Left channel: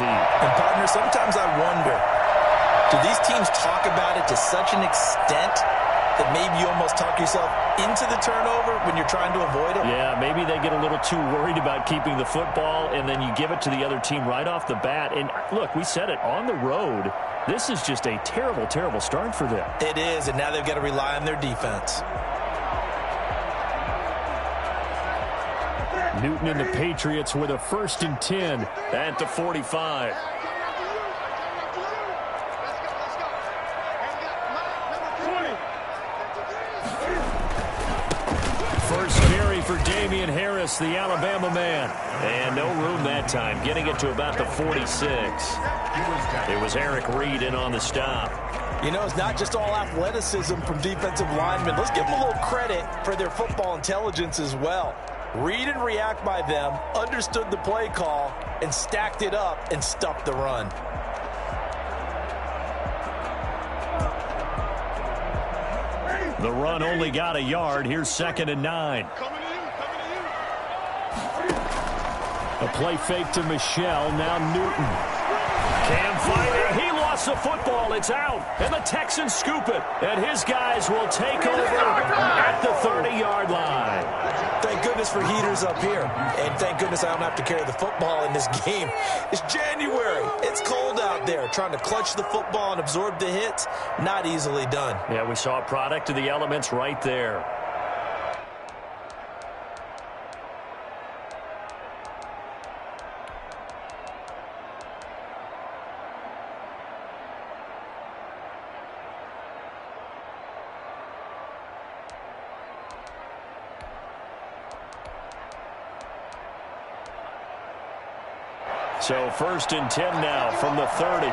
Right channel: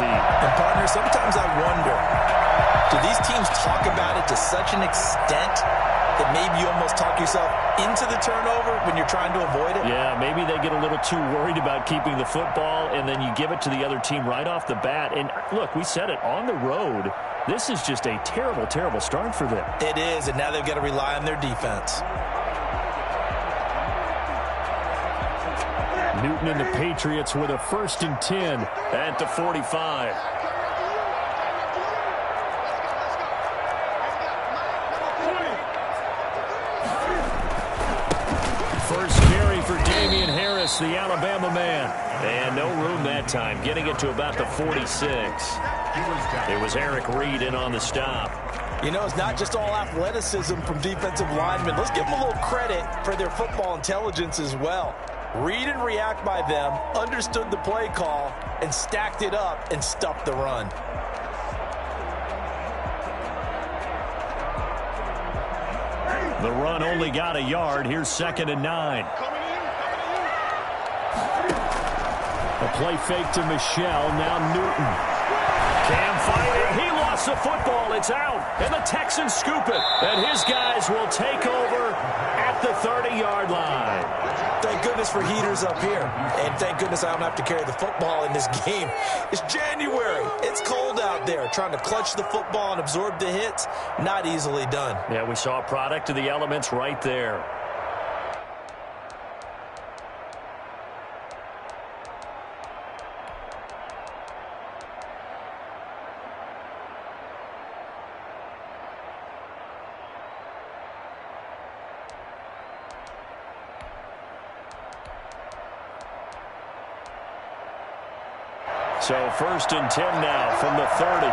And partner, sometimes I wonder, do these teams talk about it to such an extent that maybe you almost talk yourself into the turnover when you're trying to avoid it? Yeah, maybe they get a little too worried about keeping the football, and then you give it to the other team right off the bat. And look, we said it, on the road, this is just a terrible, terrible start for them. It is, and now they've got to rely on their defense. Newton and the Patriots with a 1st and 10 at the 45. First carry for Damian Harris, the Alabama man. And no room that time, getting it to about the 46. It was Eric Reed in on the stop. You know, it's not just all athleticism from defensive linemen. Let's give them a little credit for their football intelligence as well. Read and react by them, understood the play call, and stacked it up and stuffed the run. The run only got a yard. Here's 2nd and 9. A play fake to Michelle. Now Newton. Cam fighting. He lost the football. It's out. And the Texans scoop it. And his guys will take over at the 30-yard line. Thank goodness for heaters up here. And thank goodness I don't have to carry the football in this game. It's January. It's cold out there. Trying to clutch the football and absorb the hits, not easily done. Yeah, we saw a product of the elements right there. So 1st and 10 now from the 30.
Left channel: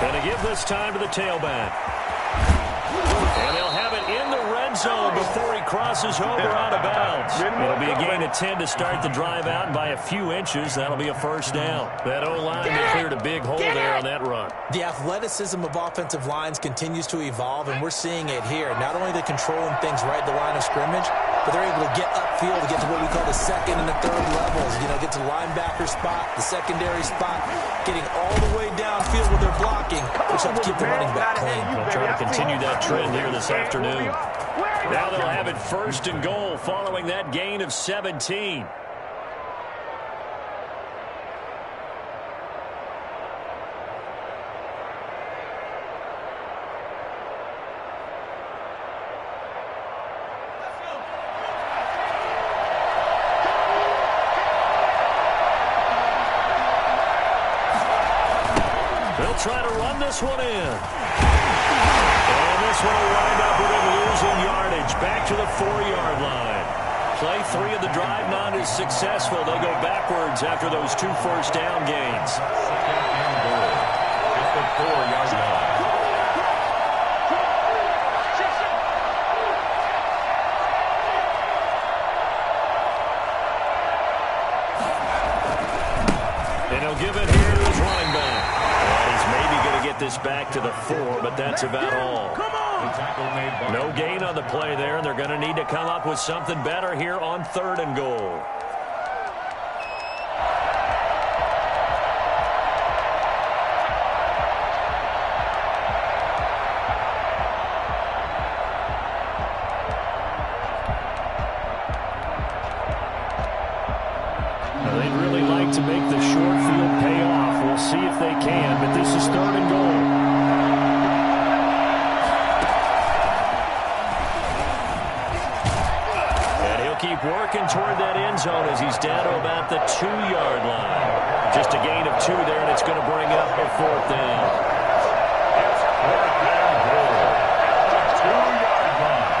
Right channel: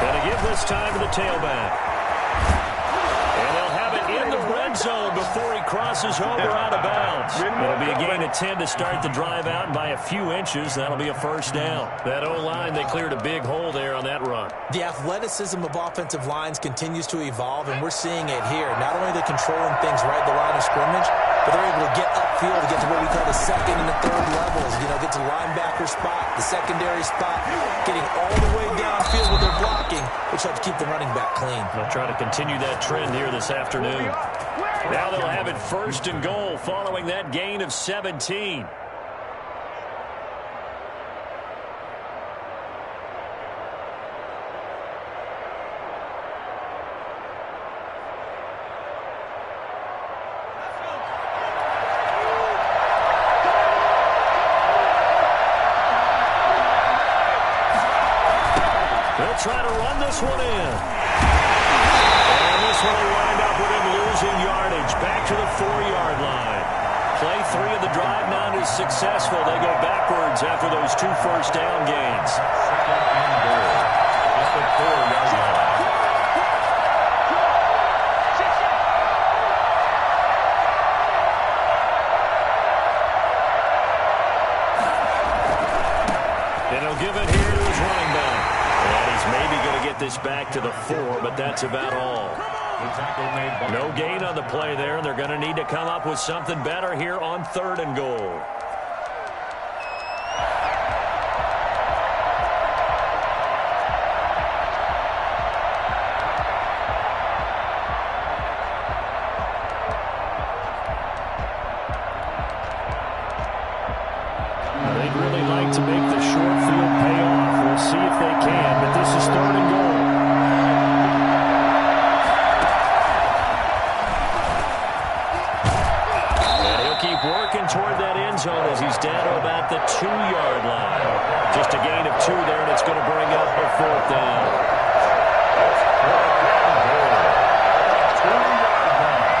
Gonna give this time to the tailback. And they'll have it in the red zone before he crosses over out of bounds. It'll be a gain of 10 to start the drive out, and by a few inches, that'll be a 1st down. That O-line, they cleared a big hole there on that run. The athleticism of offensive lines continues to evolve, and we're seeing it here. Not only are they controlling things right at the line of scrimmage, but they're able to get upfield to get to what we call the 2nd and the 3rd levels. You know, get to the linebacker spot, the secondary spot, getting all the way downfield with their blocking, which helps keep the running back clean. They'll try to continue that trend here this afternoon. Now they'll have it 1st and goal following that gain of 17. They'll try to run this one in. And this one will wind up with him losing yardage back to the 4-yard line. Play 3 of the drive not as successful. They go backwards after those 2 first down gains. 2nd and goal at the 4-yard line. And he'll give it here to his running back. And he's maybe going to get this back to the 4, but that's about all. No gain on the play there, and they're going to need to come up with something better here on 3rd and goal. Now, they'd really like to make the short field pay off. We'll see if they can, but this is 3rd and goal. Keep working toward that end zone as he's down to about the 2-yard line. Just a gain of 2 there, and it's going to bring up a 4th down. It's 4th and goal at the 2-yard line.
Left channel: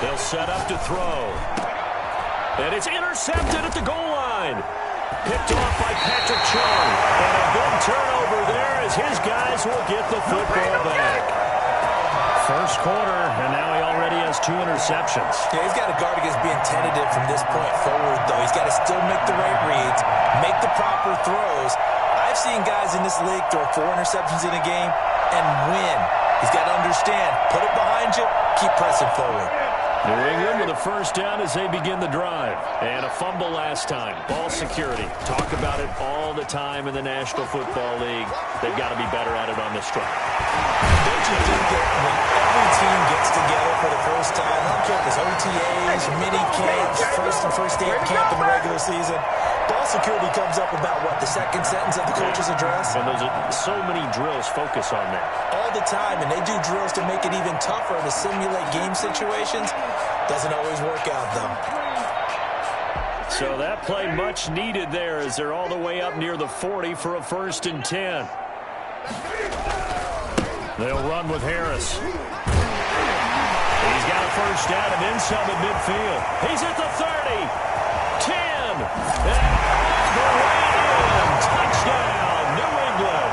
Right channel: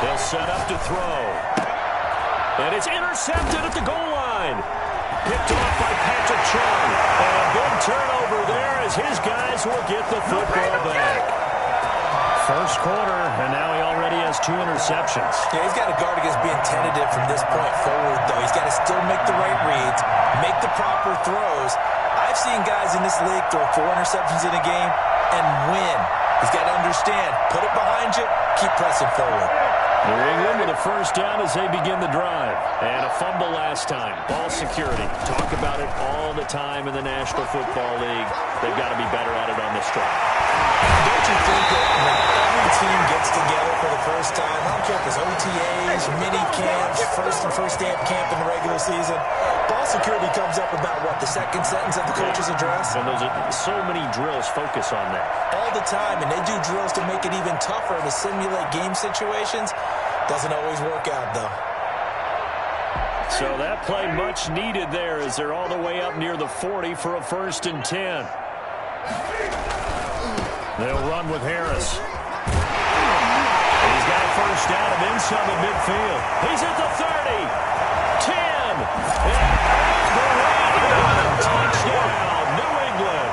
They'll set up to throw. And it's intercepted at the goal line. Picked off by Patrick Chung. And a big turnover there as his guys will get the football back. First quarter, and now he already has 2 interceptions. Yeah, he's got to guard against being tentative from this point forward, though. He's got to still make the right reads, make the proper throws. I've seen guys in this league throw 4 interceptions in a game and win. He's got to understand, put it behind you, keep pressing forward. New England with a first down as they begin the drive. And a fumble last time. Ball security. Talk about it all the time in the National Football League. They've got to be better at it on this drive. Don't you think that when every team gets together for the first time, I don't care if it's OTAs, mini camps, first day of camp in the regular season, ball security comes up about, what, the second sentence of the coach's address? And those are so many drills focus on that. All the time, and they do drills to make it even tougher to simulate game situations. Doesn't always work out, though. So that play much needed there as they're all the way up near the 40 for a 1st and 10. They'll run with Harris. He's got a first down and then some at midfield. He's at the 30, 10, and all the way in. Touchdown, New England.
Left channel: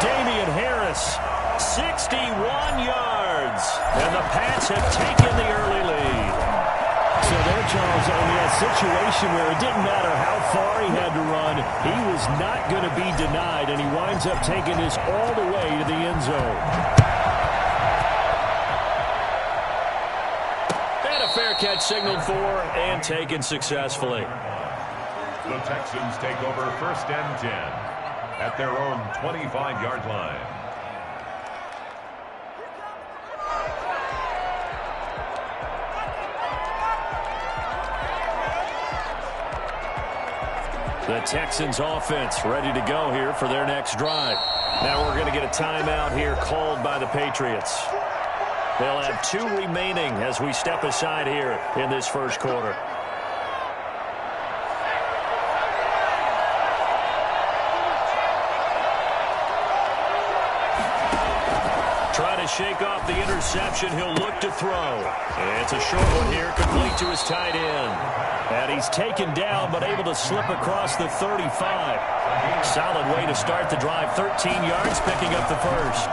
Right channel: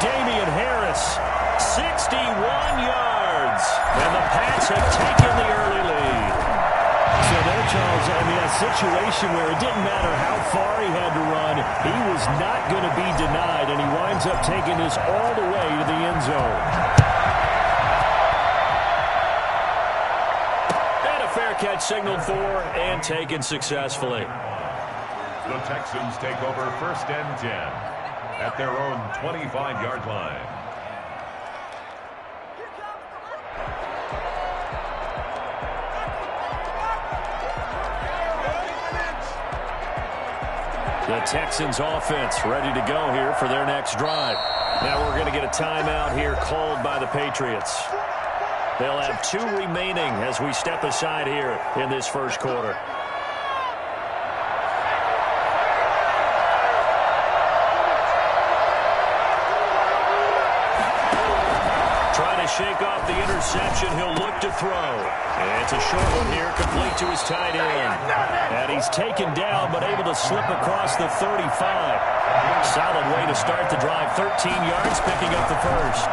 Damian Harris, 61 yards. And the Pats have taken the early lead. So there, Charles, I mean, a situation where it didn't matter how far he had to run, he was not going to be denied, and he winds up taking this all the way to the end zone. And a fair catch signaled for and taken successfully. The Texans take over 1st and 10 at their own 25-yard line. The Texans offense ready to go here for their next drive. Now we're going to get a timeout here called by the Patriots. They'll have 2 remaining as we step aside here in this first quarter. Trying to shake off the interception. He'll look to throw. And it's a short one here, complete to his tight end. And he's taken down, but able to slip across the 35. Solid way to start the drive. 13 yards, picking up the first.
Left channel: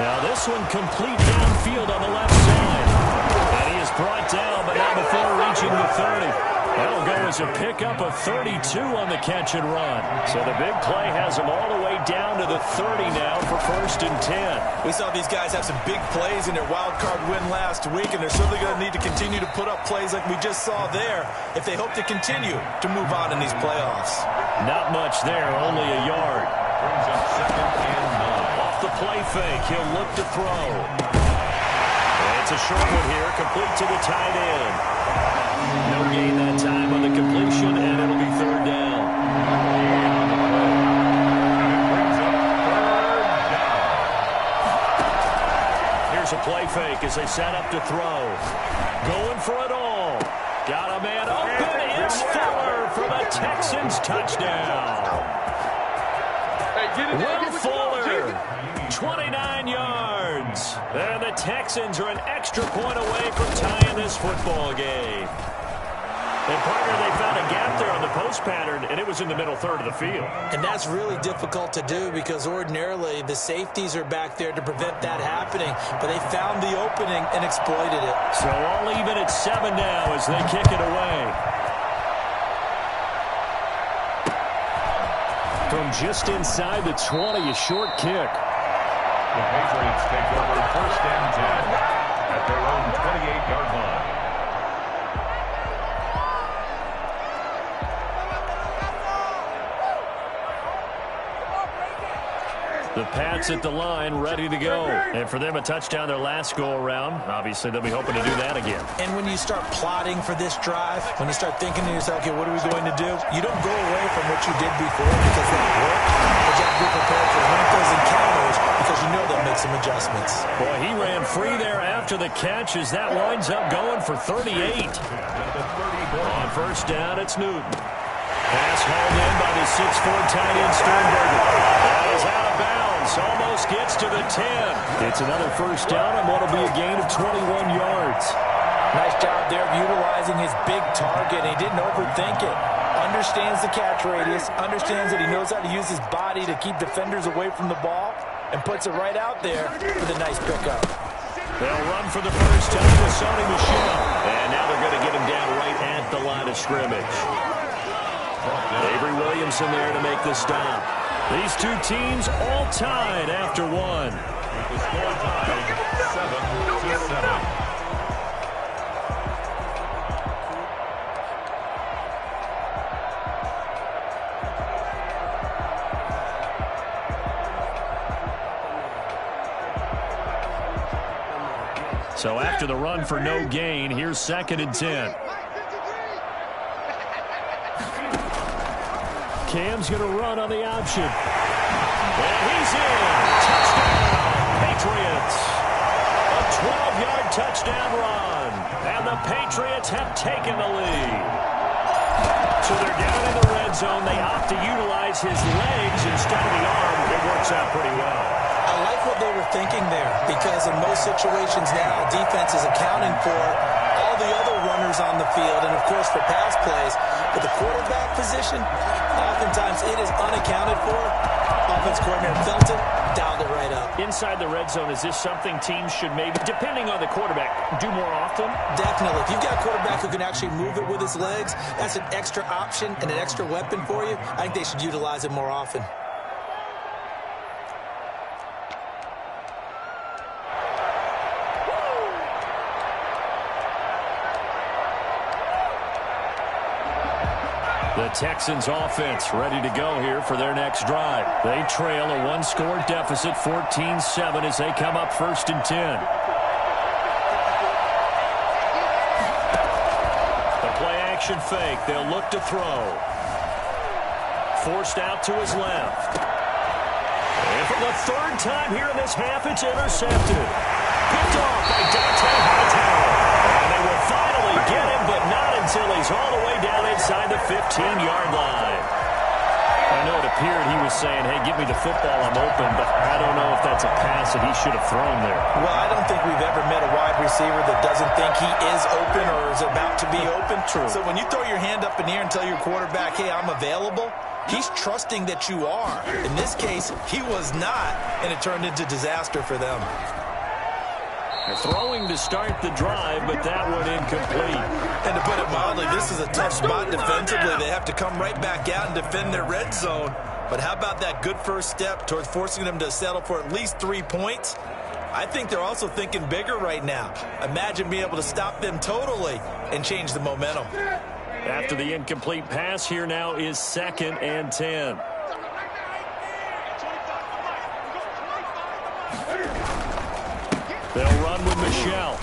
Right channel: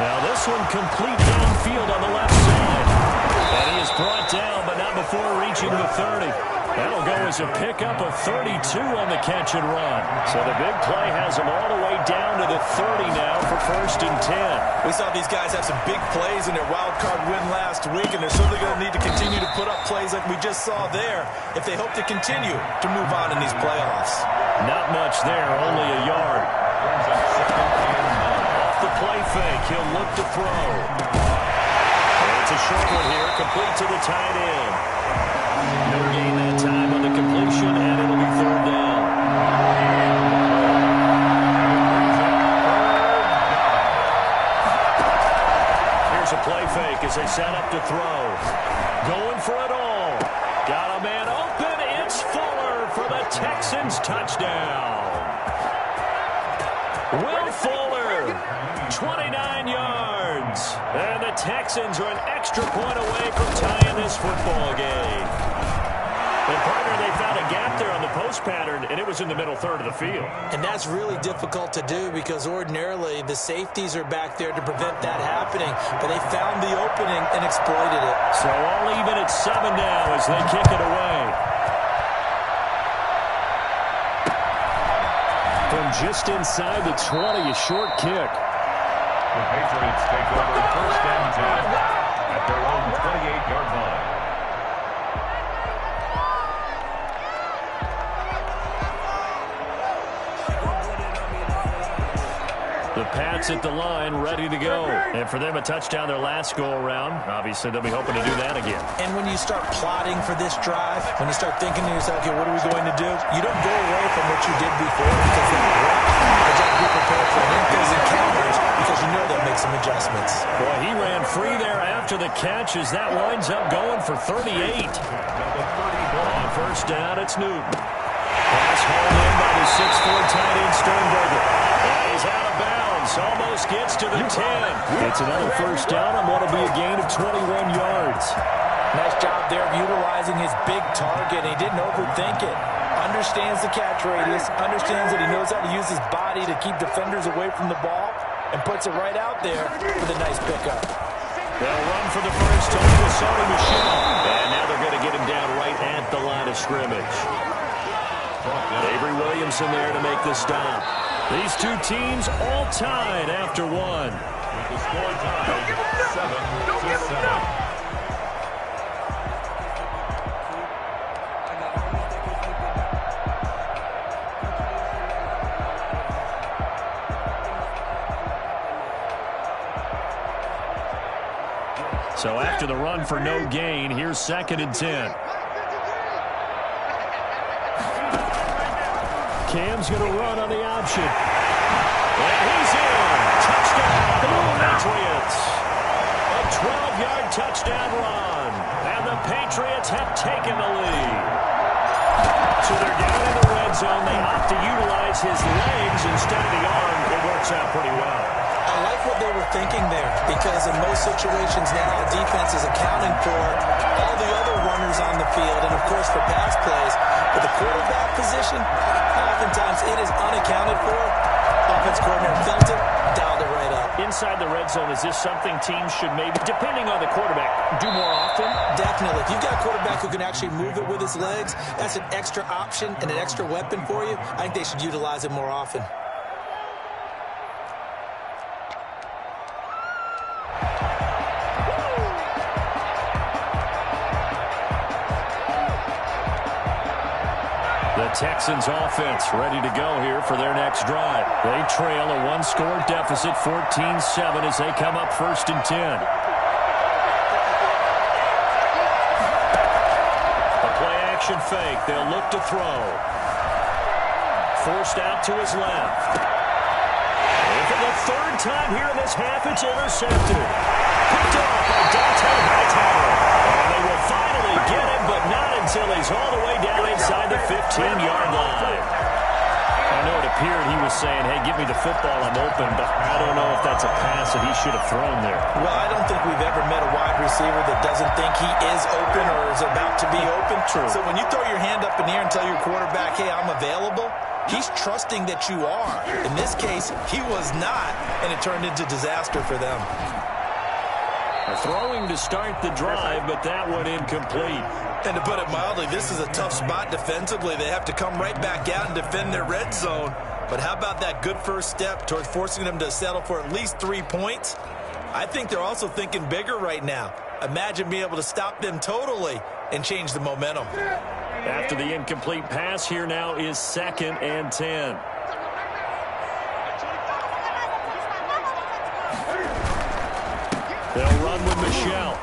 Now this one complete downfield on the left side. And he is brought down, but not before reaching the 30. That'll go as a pickup of 32 on the catch and run. So the big play has them all the way down to the 30 now for 1st and 10. We saw these guys have some big plays in their wild card win last week, and they're certainly going to need to continue to put up plays like we just saw there if they hope to continue to move on in these playoffs. Not much there, only a yard. Brings up 2nd and 9. Off the play fake, he'll look to throw. And it's a short one here, complete to the tight end. No gain that time on the completion, and it'll be 3rd down. Here's a play fake as they set up to throw. Going for it all. Got a man open. It's Fuller for the Texans touchdown. Will Fuller, 29 yards. And the Texans are an extra point away from tying this football game. And, partner, they found a gap there on the post pattern, and it was in the middle 3rd of the field. And that's really difficult to do because ordinarily the safeties are back there to prevent that happening. But they found the opening and exploited it. So all even at 7 now as they kick it away. From just inside the 20, a short kick. The Patriots take over 1st and 10 at their own 28-yard line. The Pats at the line, ready to go. And for them, a touchdown their last go-around. Obviously, they'll be hoping to do that again. And when you start plotting for this drive, when you start thinking to yourself, okay, what are we going to do? You don't go away from what you did before because that worked. But you have to be prepared for wrinkles and counters because you know they'll make some adjustments. Boy, he ran free there after the catch as that winds up going for 38. On 1st down, it's Newton. Pass hauled in by the 6'4" tight end Sternberger. And he's out of bounds. Williams almost gets to the 10. It's another first down on what will be a gain of 21 yards. Nice job there of utilizing his big target. He didn't overthink it. Understands the catch radius, understands that he knows how to use his body to keep defenders away from the ball, and puts it right out there with a nice pickup. They'll run for the first time with Sony Michel. And now they're going to get him down right at the line of scrimmage. Avery Williamson there to make the stop. These two teams all tied after one. With the score tied 7-7. So after the run for no gain, here's 2nd and 10. Cam's going to run on the option. And he's in. Touchdown, Patriots. A 12-yard touchdown run. And the Patriots have taken the lead. So they're down in the red zone. They opt to utilize his legs instead of the arm. It works out pretty well. I like what they were thinking there, because in most situations now, defense is accounting for all the other runners on the field and, of course, for pass plays. But the quarterback position, oftentimes it is unaccounted for. Offense coordinator felt it, dialed it right up. Inside the red zone, is this something teams should maybe, depending on the quarterback, do more often? Definitely. If you've got a quarterback who can actually move it with his legs, that's an extra option and an extra weapon for you. I think they should utilize it more often. The Texans offense ready to go here for their next drive. They trail a one-score deficit, 14-7, as they come up 1st and 10. The play-action fake. They'll look to throw. Forced out to his left. And for the 3rd time here in this half, it's intercepted. Picked off by Dante Hightower. And they will finally get him, but not until he's all the way down inside the 15-yard line. I know it appeared he was saying, hey, give me the football, I'm open, but I don't know if that's a pass that he should have thrown there. Well, I don't think we've ever met a wide receiver that doesn't think he is open or is about to be open. True. So when you throw your hand up in the air and tell your quarterback, hey, I'm available, he's trusting that you are. In this case, he was not, and it turned into disaster for them. They're throwing to start the drive, but that one incomplete. And to put it mildly, this is a tough spot defensively. They have to come right back out and defend their red zone. But how about that good first step towards forcing them to settle for at least 3 points? I think they're also thinking bigger right now. Imagine being able to stop them totally and change the momentum. After the incomplete pass, here now is 2nd and 10. They'll run with Michel.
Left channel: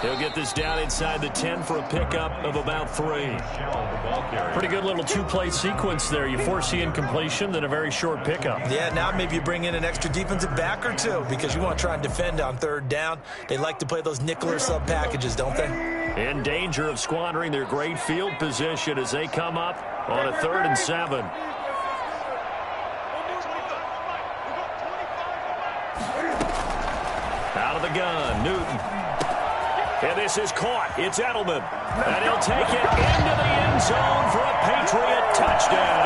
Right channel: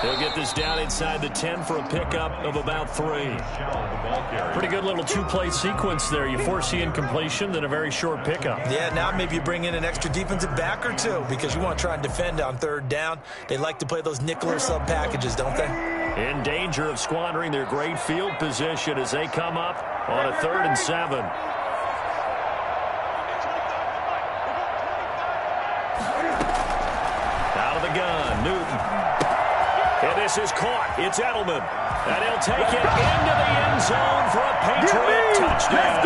They'll get this down inside the 10 for a pickup of about 3. Pretty good little two-play sequence there. You force the incompletion, then a very short pickup. Yeah, now maybe you bring in an extra defensive back or two because you want to try and defend on 3rd down. They like to play those nickel or sub packages, don't they? In danger of squandering their great field position as they come up on a 3rd and 7. Out of the gun, Newton. And this is caught. It's Edelman. And he'll take it into the end zone for a Patriot touchdown.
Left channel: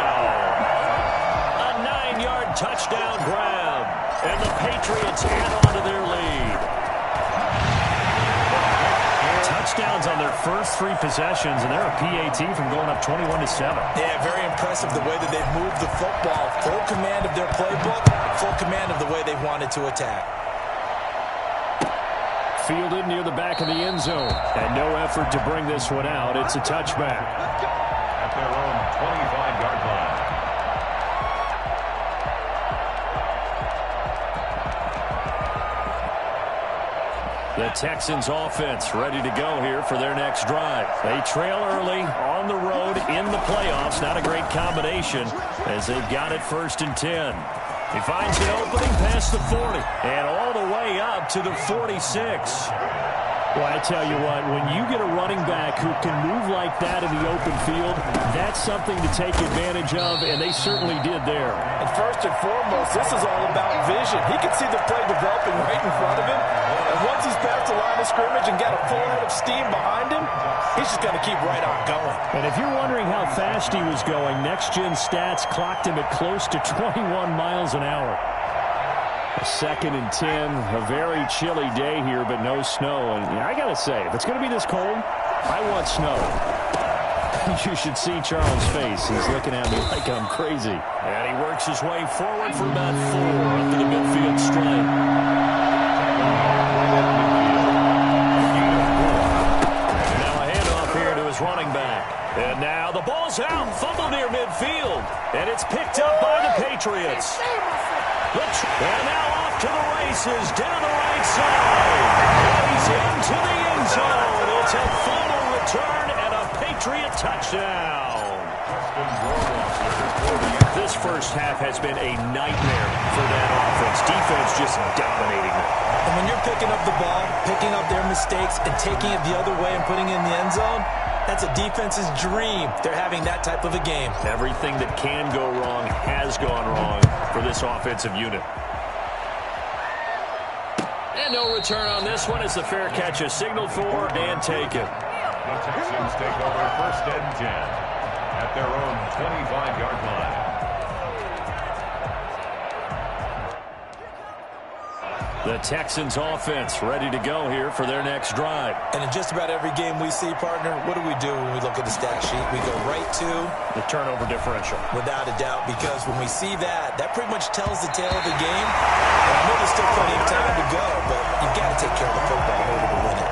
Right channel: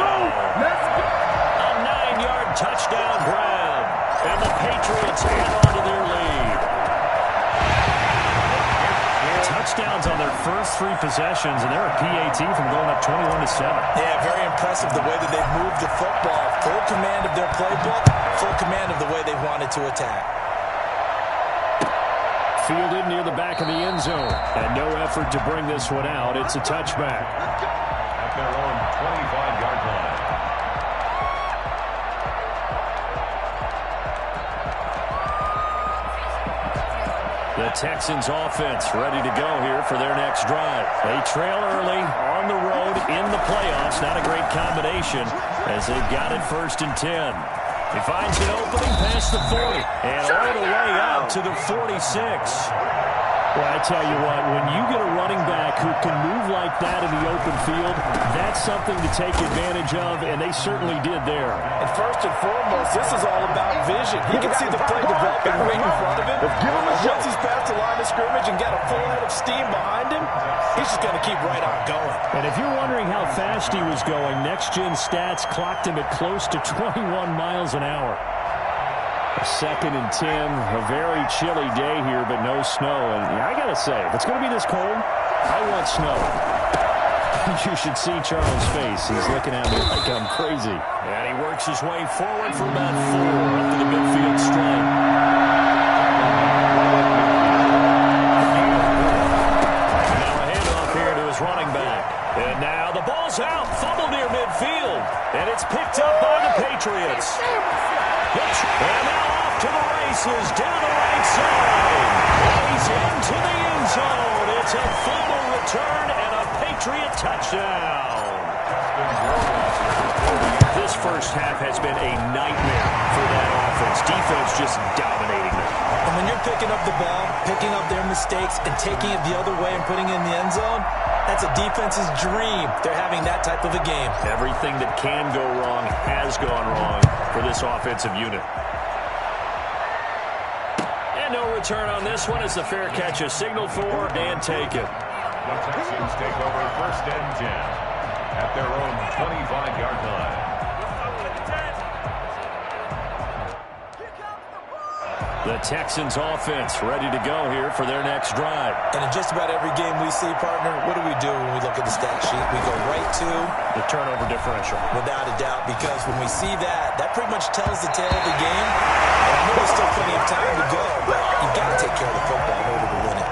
A 9-yard touchdown grab. And the Patriots add on to their lead. Touchdowns on their first 3 possessions, and they're a PAT from going up 21-7. Yeah, very impressive the way that they've moved the football. Full command of their playbook, full command of the way they wanted to attack. Fielded near the back of the end zone. And no effort to bring this one out. It's a touchback. At their own 25-yard line. The Texans offense ready to go here for their next drive. They trail early on the road in the playoffs. Not a great combination as they've got it 1st and 10. He finds an opening past the 40 and all the way up to the 46. Well, I tell you what, when you get a running back who can move like that in the open field, that's something to take advantage of, and they certainly did there. And first and foremost, this is all about vision. He can see the play developing right in front of him. And once he's past the line of scrimmage and got a full head of steam behind him, he's just going to keep right on going. And if you're wondering how fast he was going, next-gen stats clocked him at close to 21 miles an hour. A 2nd and 10, a very chilly day here, but no snow. And I got to say, if it's going to be this cold, I want snow. You should see Charles' face. He's looking at me like I'm crazy. And he works his way forward for about 4 up to the midfield stripe. Now a handoff here to his running back. And now the ball's out, fumble near midfield. And it's picked up by the Patriots. And now off to the races down the right side. And he's into the end zone. It's a fumble return and a Patriot touchdown. This first half has been a nightmare for that offense. Defense just dominating them. And when you're picking up the ball, picking up their mistakes, and taking it the other way and putting it in the end zone, that's a defense's dream. They're having that type of a game. Everything that can go wrong has gone wrong for this offensive unit. And no return on this one as the fair catch is signaled for and taken. The Texans take over 1st and 10 at their own 25-yard line. The Texans offense ready to go here for their next drive. And in just about every game we see, partner, what do we do when we look at the stat sheet? We go right to the turnover differential. Without a doubt, because when we see that, that pretty much tells the tale of the game. And I know there's still plenty of time to go, but you've got to take care of the football in order to win it.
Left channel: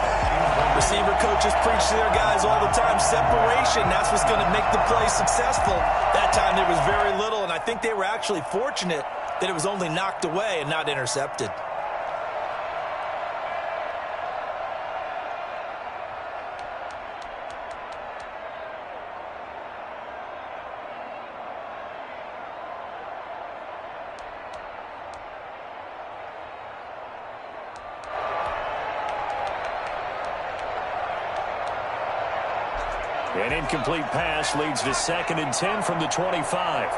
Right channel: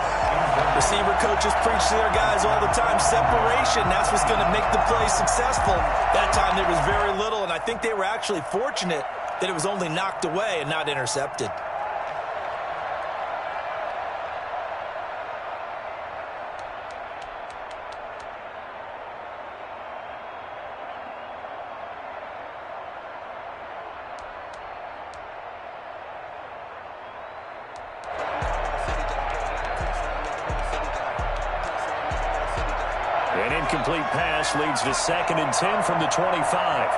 Receiver coaches preach to their guys all the time. Separation, that's what's going to make the play successful. That time there was very little, and I think they were actually fortunate that it was only knocked away and not intercepted. An incomplete pass leads to 2nd and 10 from the 25.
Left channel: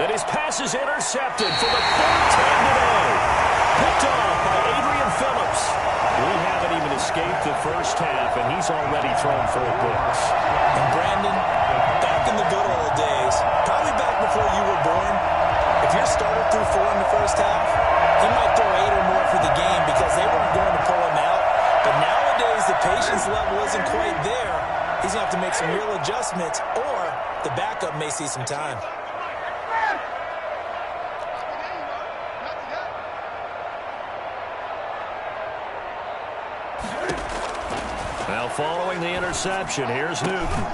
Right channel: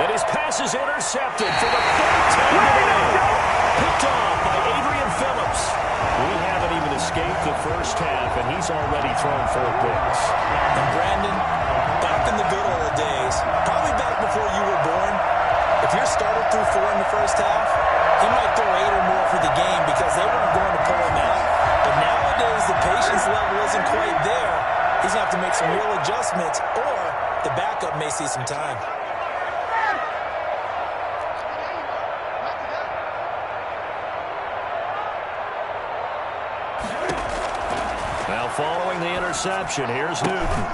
And his pass is intercepted for the 4th time today. Picked off by Adrian Phillips. We haven't even escaped the first half, and he's already thrown 4 picks. And Brandon, back in the good old days, probably back before you were born, if your starter threw 4 in the first half, he might throw 8 or more for the game because they weren't going to pull him out. But nowadays, the patience level isn't quite there. He's going to have to make some real adjustments, or the backup may see some time. Now following the interception, here's Newton.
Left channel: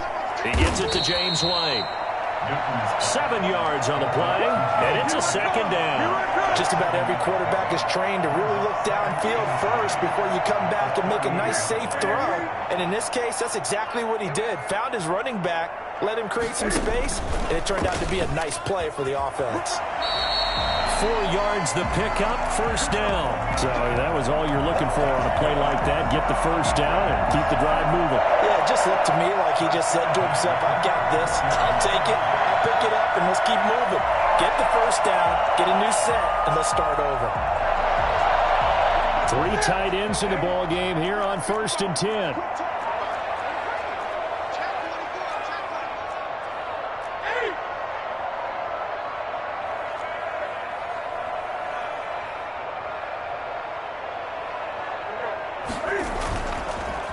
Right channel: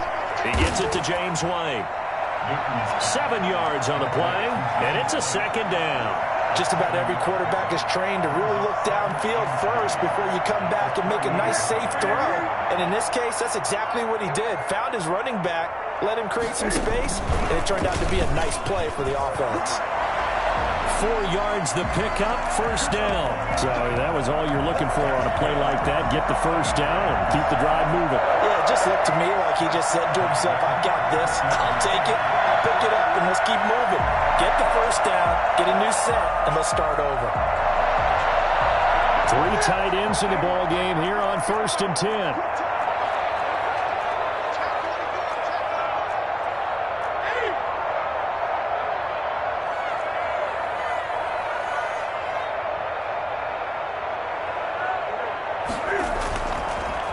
He gets it to James White. 7 yards on the play, and it's a 2nd down. Just about every quarterback is trained to really look downfield first before you come back and make a nice, safe throw. And in this case, that's exactly what he did. Found his running back, let him create some space, and it turned out to be a nice play for the offense. 4 yards the pickup, 1st down. So that was all you're looking for on a play like that. Get the 1st down and keep the drive moving. Yeah, it just looked to me like he just said to himself, I've got this. I'll take it. I'll pick it up, and let's keep moving. Get the 1st down, get a new set, and let's start over. 3 tight ends in the ball game here on 1st and 10.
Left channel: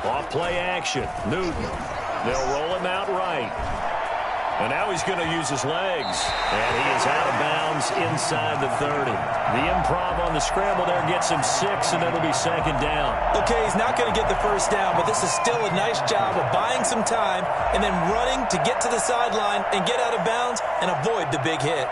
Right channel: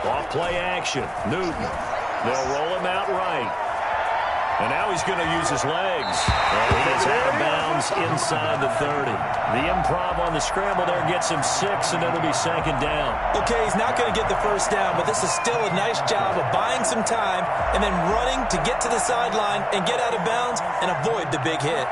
Off play action. Newton. They'll roll him out right. And now he's going to use his legs. And he is out of bounds inside the 30. The improv on the scramble there gets him 6, and it'll be 2nd down. Okay, he's not going to get the 1st down, but this is still a nice job of buying some time and then running to get to the sideline and get out of bounds and avoid the big hit.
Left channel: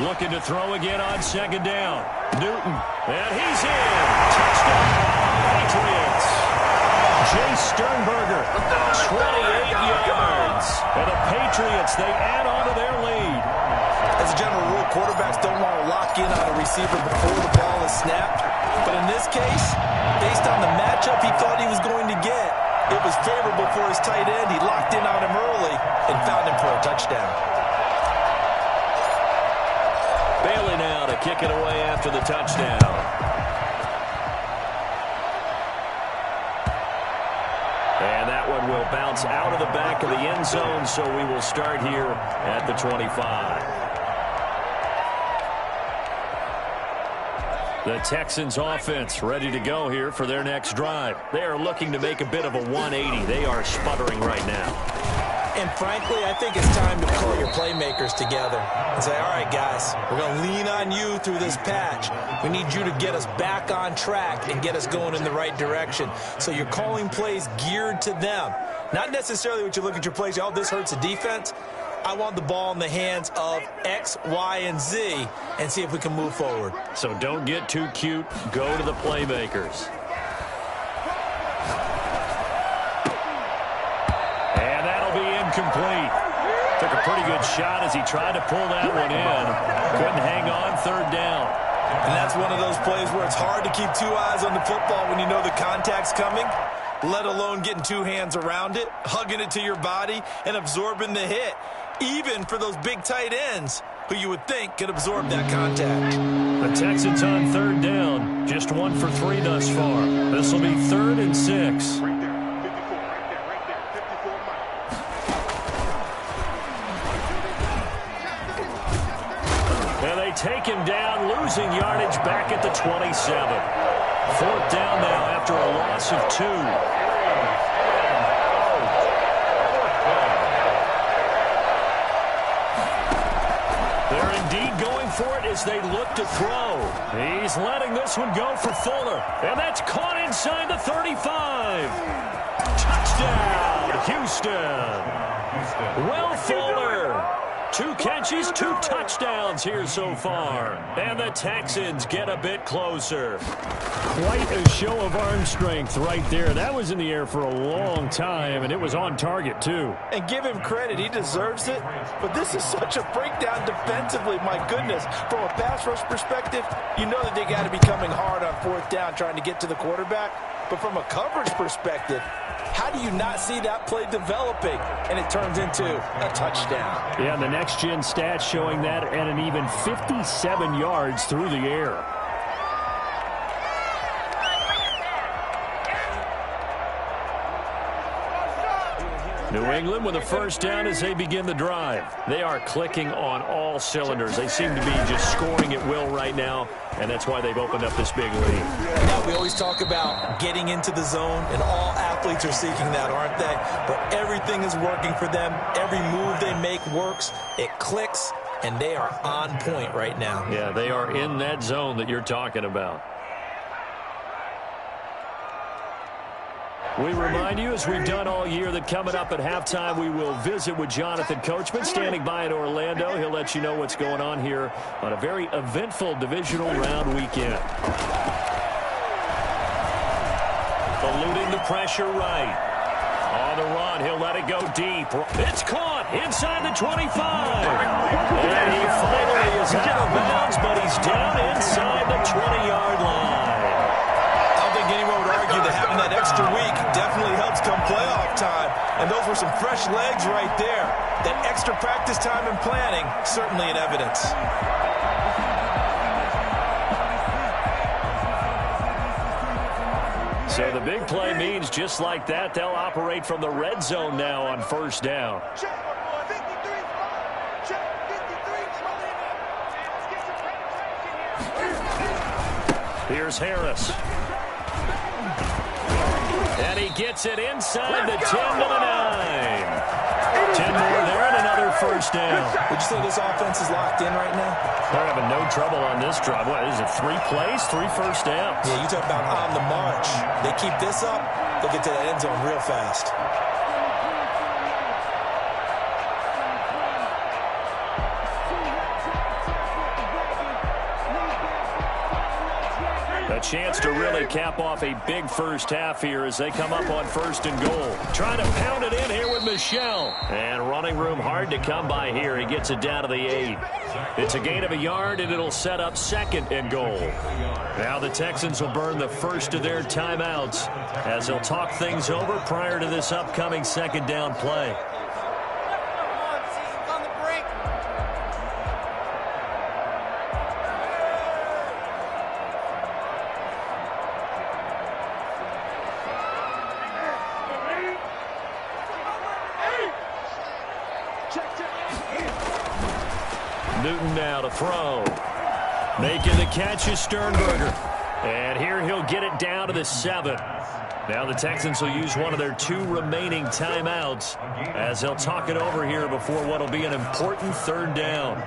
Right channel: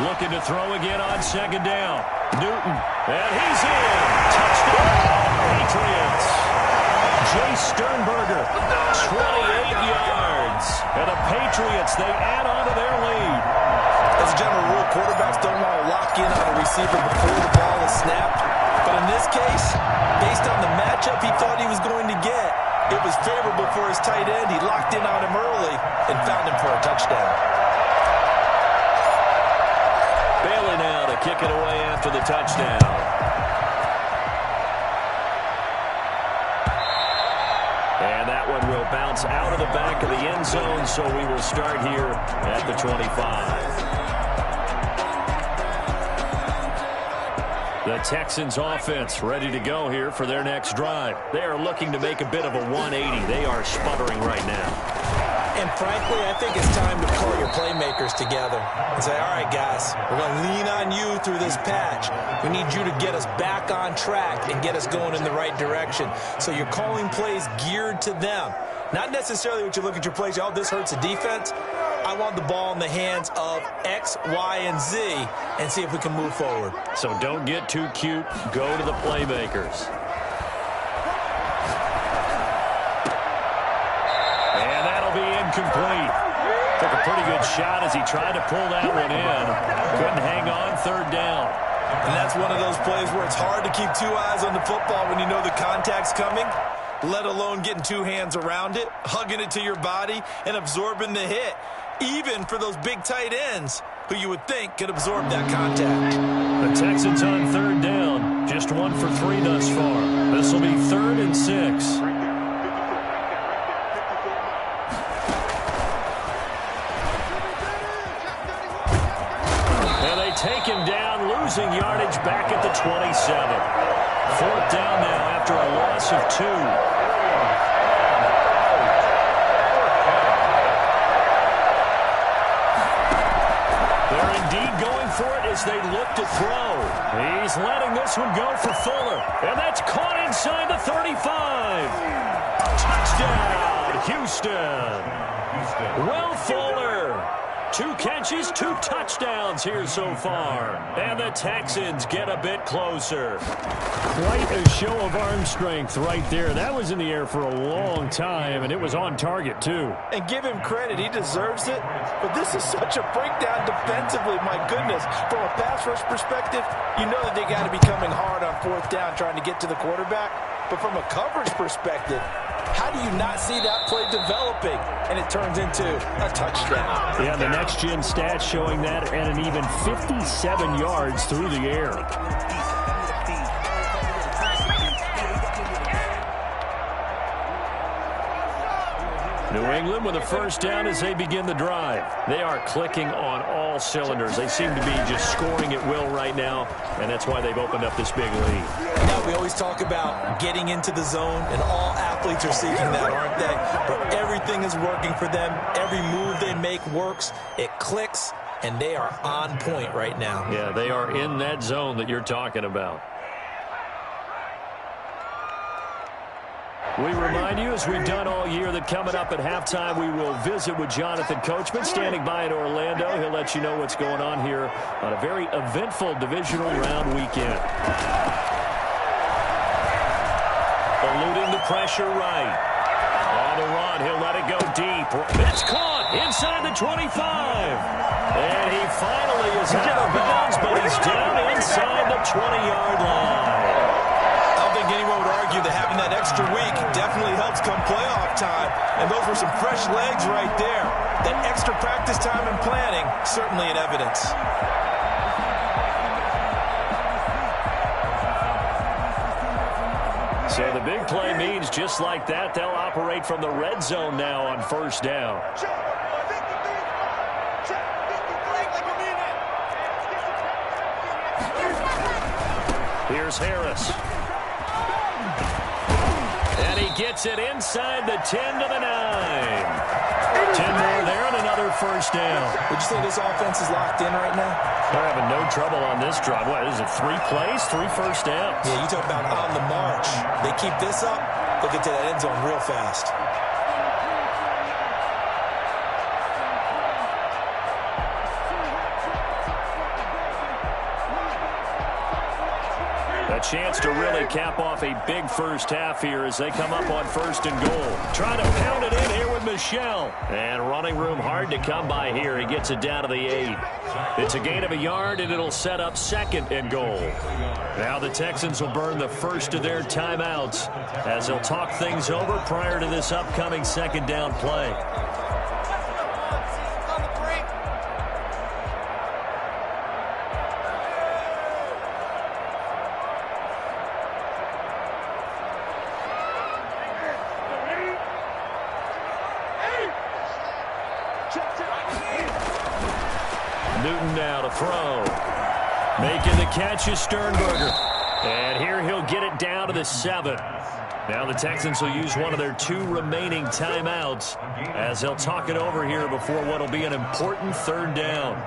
Looking to throw again on 2nd down. Newton, and he's in. Touchdown, Patriots. Jay Sternberger, 28 yards. And the Patriots, they add on to their lead. As a general rule, quarterbacks don't want to lock in on a receiver before the ball is snapped. But in this case, based on the matchup he thought he was going to get, it was favorable for his tight end. He locked in on him early and found him for a touchdown. Bailey now to kick it away after the touchdown. And that one will bounce out of the back of the end zone, so we will start here at the 25. The Texans offense ready to go here for their next drive. They are looking to make a bit of a 180. They are sputtering right now. And frankly, I think it's time to pull your playmakers together and say, all right, guys, we're going to lean on you through this patch. We need you to get us back on track and get us going in the right direction. So you're calling plays geared to them. Not necessarily what you look at your plays, oh, this hurts the defense. I want the ball in the hands of X, Y, and Z and see if we can move forward. So don't get too cute. Go to the playmakers. And that'll be incomplete. Took a pretty good shot as he tried to pull that one in. Couldn't hang on, third down. And that's one of those plays where it's hard to keep two eyes on the football when you know the contact's coming, let alone getting two hands around it, hugging it to your body, and absorbing the hit, even for those big tight ends who you would think could absorb that contact. The Texans on third down, just 1 for 3 thus far. This will be 3rd and 6. And they take him down, losing yardage back at the 27. 4th down now after a loss of 2. They're indeed going for it as they look to throw. He's letting this one go for Fuller. And that's caught inside the 35. Touchdown, Houston. Will Fuller. 2 catches, 2 touchdowns here so far. And the Texans get a bit closer. Quite a show of arm strength right there. That was in the air for a long time, and it was on target, too. And give him credit. He deserves it. But this is such a breakdown defensively. My goodness. From a pass rush perspective, you know that they got to be coming hard on 4th down trying to get to the quarterback. But from a coverage perspective, how do you not see that play developing and it turns into a touchdown? Yeah, the next-gen stats showing that at an even 57 yards through the air. New England with a first down as they begin the drive. They are clicking on all cylinders. They seem to be just scoring at will right now, and that's why they've opened up this big lead. Now, we always talk about getting into the zone, and all athletes are seeking that, aren't they? But everything is working for them. Every move they make works. It clicks, and they are on point right now. Yeah, they are in that zone that you're talking about. We remind you, as we've done all year, that coming up at halftime, we will visit with Jonathan Coachman, standing by in Orlando. He'll let you know what's going on here on a very eventful divisional round weekend. Eluding the pressure right. On the run, he'll let it go deep. It's caught inside the 25. And he finally is out of bounds, but he's down inside the 20-yard line. I don't think anyone would argue that having that extra week definitely helps come playoff time. And those were some fresh legs right there. That extra practice time and planning, certainly in evidence. So the big play means just like that, they'll operate from the red zone now on first down. Here's Harris. And he gets it inside the 10 to the 9. 10 more there and another first down. Would you say this offense is locked in right now? They're having no trouble on this drive. What is it, 3 plays, 3 first downs? Yeah, you talk about on the march. They keep this up, they'll get to that end zone real fast. A chance to really cap off a big first half here as they come up on 1st and goal. Trying to pound it in here with Michel. And running room hard to come by here. He gets it down to the 8. It's a gain of a yard, and it'll set up 2nd and goal. Now the Texans will burn the first of their timeouts as they'll talk things over prior to this upcoming 2nd down play. Newton now to throw. Making the catch is Sternberger. And here he'll get it down to the 7. Now the Texans will use one of their 2 remaining timeouts as they'll talk it over here before what will be an important 3rd down.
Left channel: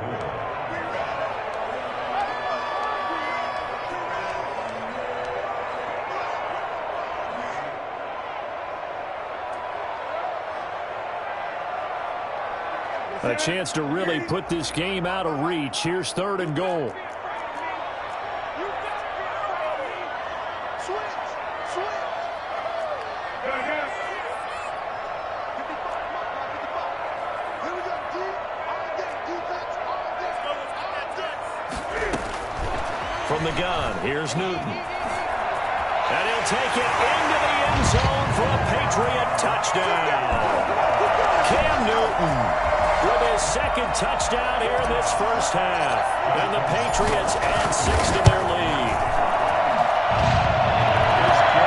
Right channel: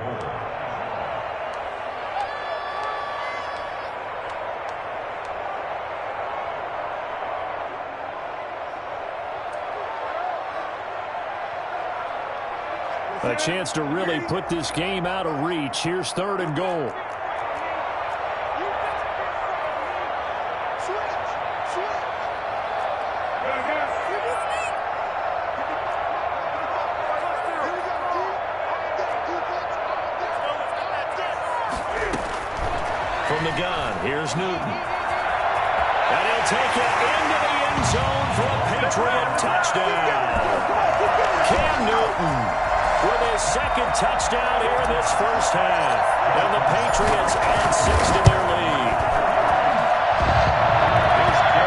A chance to really put this game out of reach. Here's 3rd and goal. From the gun, here's Newton. And he'll take it into the end zone for a Patriot touchdown. Cam Newton with his 2nd touchdown here in this first half. And the Patriots add 6 to their lead.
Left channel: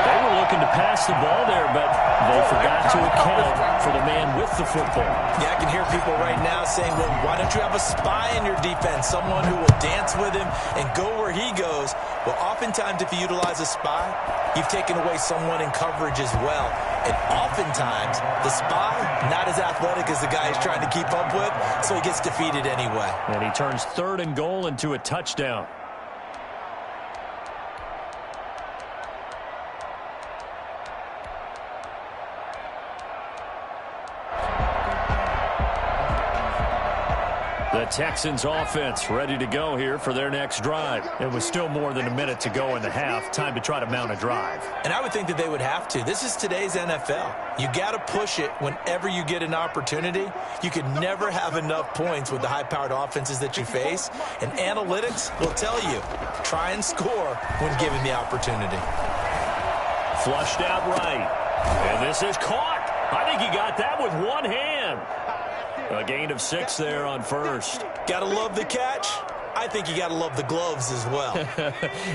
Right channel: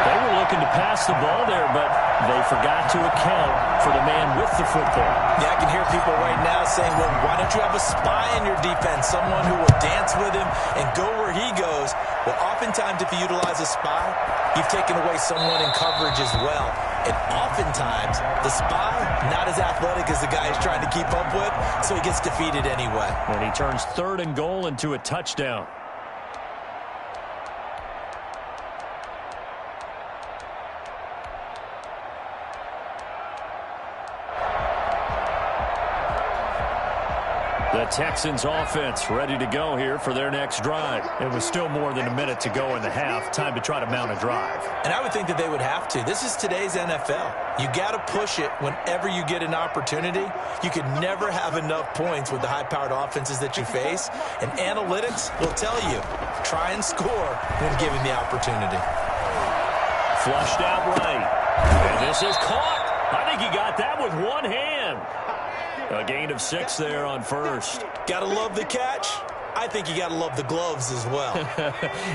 They were looking to pass the ball there, but they forgot to account for the man with the football. Yeah, I can hear people right now saying, well, why don't you have a spy in your defense, someone who will dance with him and go where he goes? Well, oftentimes if you utilize a spy, you've taken away someone in coverage as well. And oftentimes, the spy, not as athletic as the guy he's trying to keep up with, so he gets defeated anyway. And he turns 3rd and goal into a touchdown. The Texans offense ready to go here for their next drive. It was still more than a minute to go in the half. Time to try to mount a drive. And I would think that they would have to. This is today's NFL. You got to push it whenever you get an opportunity. You could never have enough points with the high-powered offenses that you face. And analytics will tell you, try and score when given the opportunity. Flushed out right. And this is caught. I think he got that with one hand. A gain of 6 there on 1st. Gotta love the catch. I think you gotta love the gloves as well.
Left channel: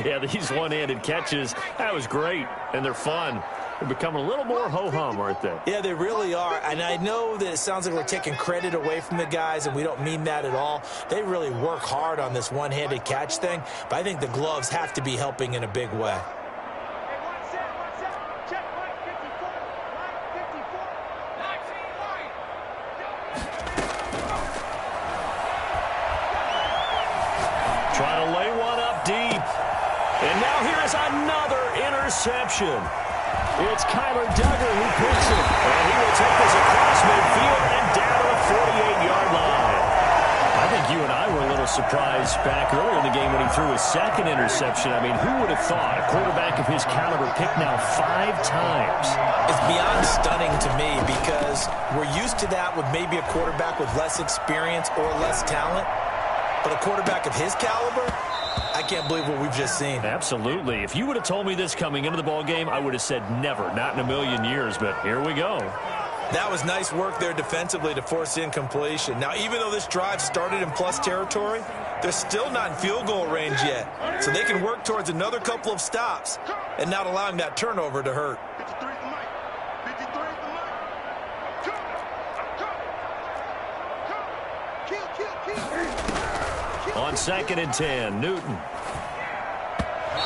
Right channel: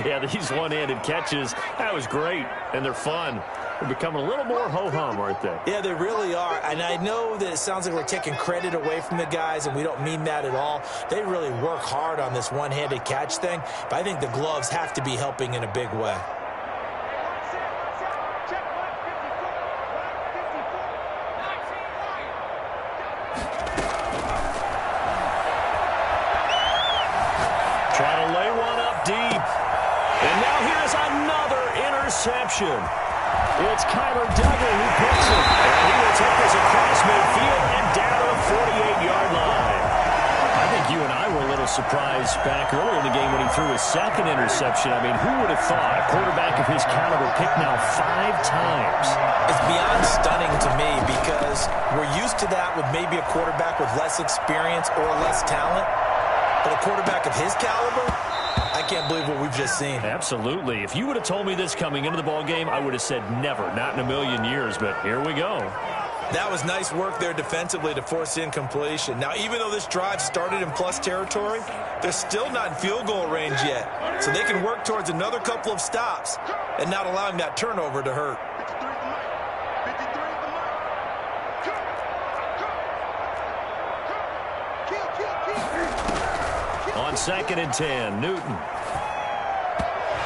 Yeah, these one-handed catches, that was great, and they're fun. They're becoming a little more ho-hum, aren't they? Yeah, they really are. And I know that it sounds like we're taking credit away from the guys, and we don't mean that at all. They really work hard on this one-handed catch thing, but I think the gloves have to be helping in a big way. Trying to lay one up deep. And now here is another interception. It's Kyler Duggar who picks it. And he will take this across midfield and down to the 48-yard line. I think you and I were a little surprised back earlier in the game when he threw his 2nd interception. I mean, who would have thought a quarterback of his caliber picked now 5 times? It's beyond stunning to me because we're used to that with maybe a quarterback with less experience or less talent. But a quarterback of his caliber, I can't believe what we've just seen. Absolutely. If you would have told me this coming into the ballgame, I would have said never, not in a million years. But here we go. That was nice work there defensively to force incompletion. Now, even though this drive started in plus territory, they're still not in field goal range yet. So they can work towards another couple of stops and not allowing that turnover to hurt. On 2nd and 10, Newton.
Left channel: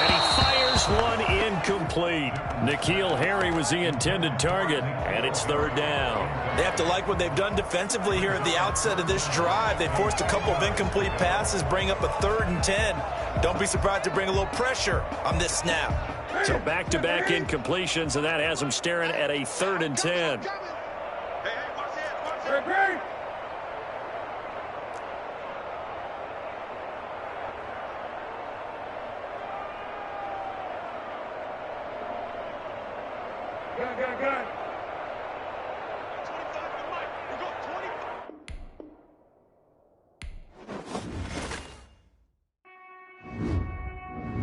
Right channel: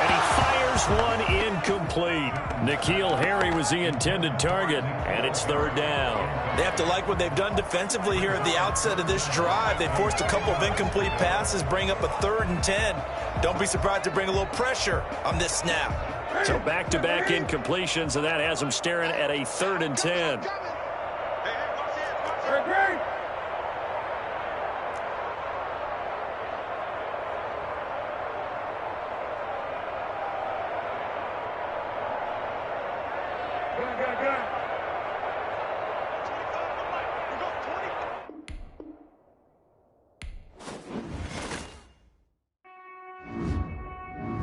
And he fires one incomplete. N'Keal Harry was the intended target, and it's 3rd down. They have to like what they've done defensively here at the outset of this drive. They forced a couple of incomplete passes, bring up a 3rd and 10. Don't be surprised to bring a little pressure on this snap. So back-to-back incompletions, and that has them staring at a 3rd and 10. Good.